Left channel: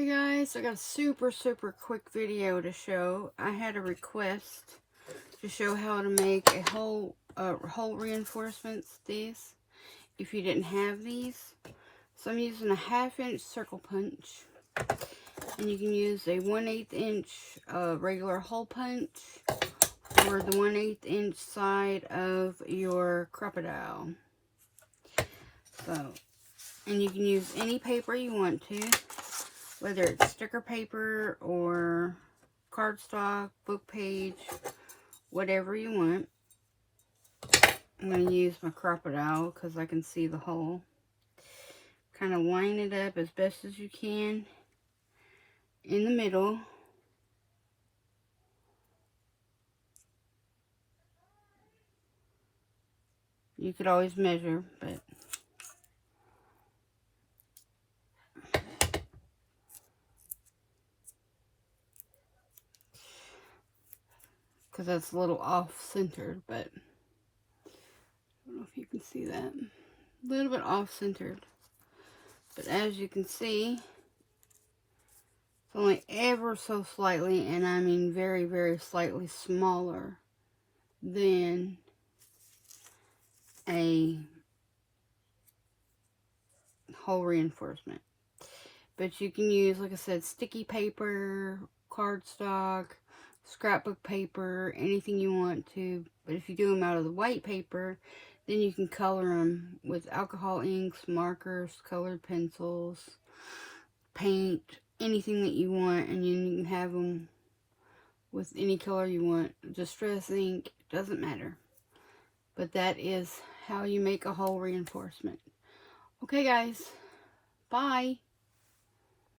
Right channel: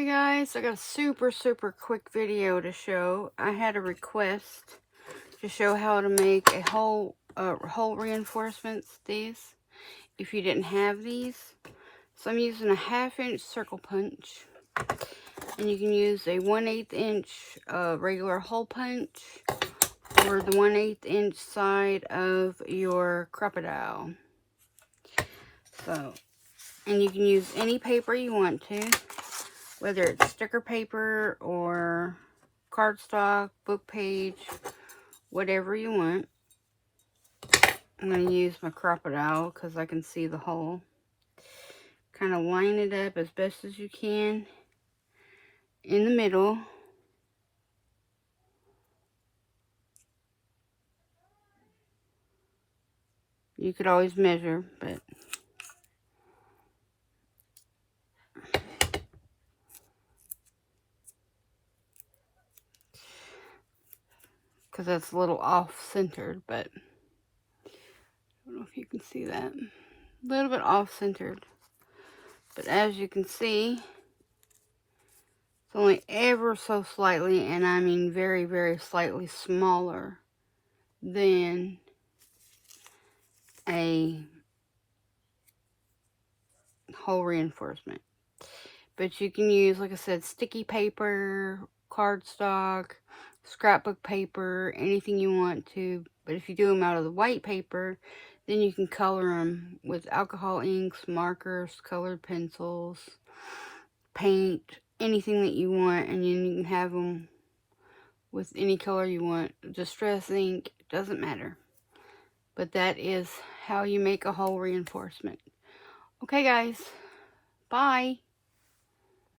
Hey guys, I got a super quick video to show. I had a request to show how to make a hole reinforcements, these, if you didn't have these. So I'm using a 1/2 inch circle punch, and you can use a 1/8 inch regular hole punch, or the 1/8 inch side of your crocodile. So, and you can use any paper you want to, whether it's sticker paper or cardstock, book page, whatever you want. I'm going to use my crocodile because I can see the hole. Kind of line it up as best as you can in the middle. You could always measure, but because that's a little off-centered, but I don't know if you can see that. A little bit off-centered. But as you can see, it's only ever so slightly, and I mean very slightly smaller than a hole reinforcement. But you can use, like I said, sticky paper, cardstock, scrapbook paper, anything you want to. But if you do them out of the white paper, then you can color them with alcohol inks, markers, colored pencils, paint, anything that you want, and then you can have them with any color you want. Distress ink, doesn't matter. But that is how you make a hole reinforcement. Okay guys, bye.